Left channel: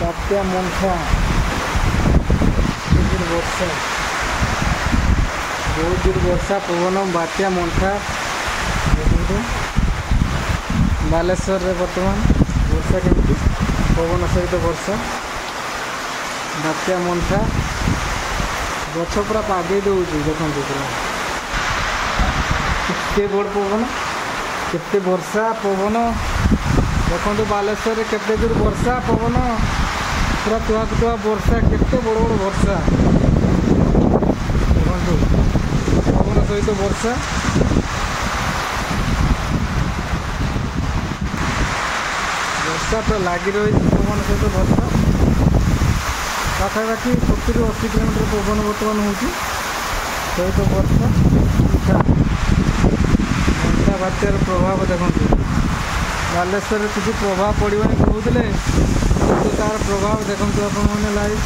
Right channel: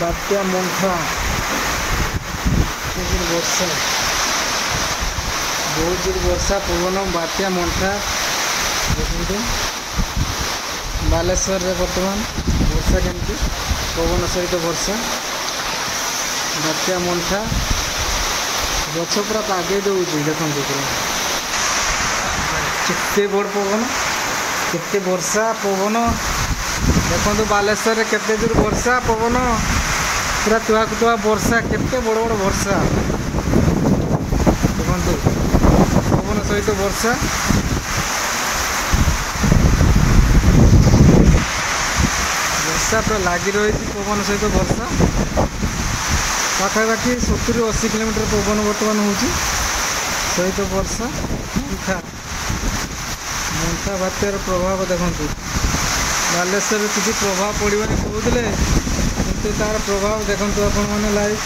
बात्या मंथा वर्षा बहुत जोर वर्षा पवन बात्या मंथा देखते बालेश्वर रे बर्तमान वर्षा केमती पवन सहित वर्षा बात्या मंथा गछ पूरा पागे दूसरी देखते पूरा केते बड़ पवन केते वर्षा पवन देखो बालेश्वर केते जोर वर्षा पवन पूरा तुआ तुआ वर्षा केते बड़ बड़ वर्षा देखो पवन सहित वर्षा वर्षा पूरा लगी रही पवन सहित वर्षा पाखापाखि 70-80 किलोमीटर पवन बर्तमान हो सहित वर्षा उठा मंथा बात्यार प्रभाव देखते बालेश्वर किसी प्रभाव पड़वानी कहते किंतु तार प्रभाव देखते आपण मैंने लाइव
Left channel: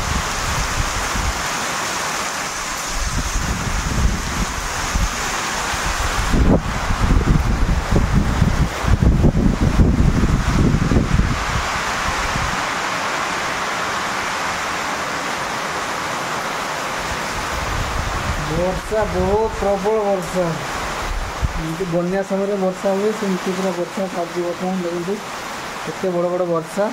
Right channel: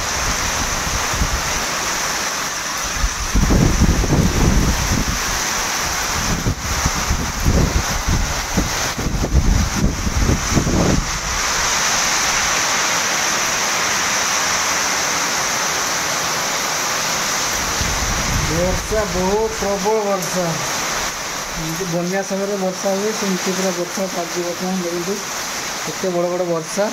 वर्षा बहुत प्रबल वर्षा बन्या समय वर्षा हुए सेमती पूरा वर्षा पाजी बर्तमान देखते केते बड़ बड़ वर्षा।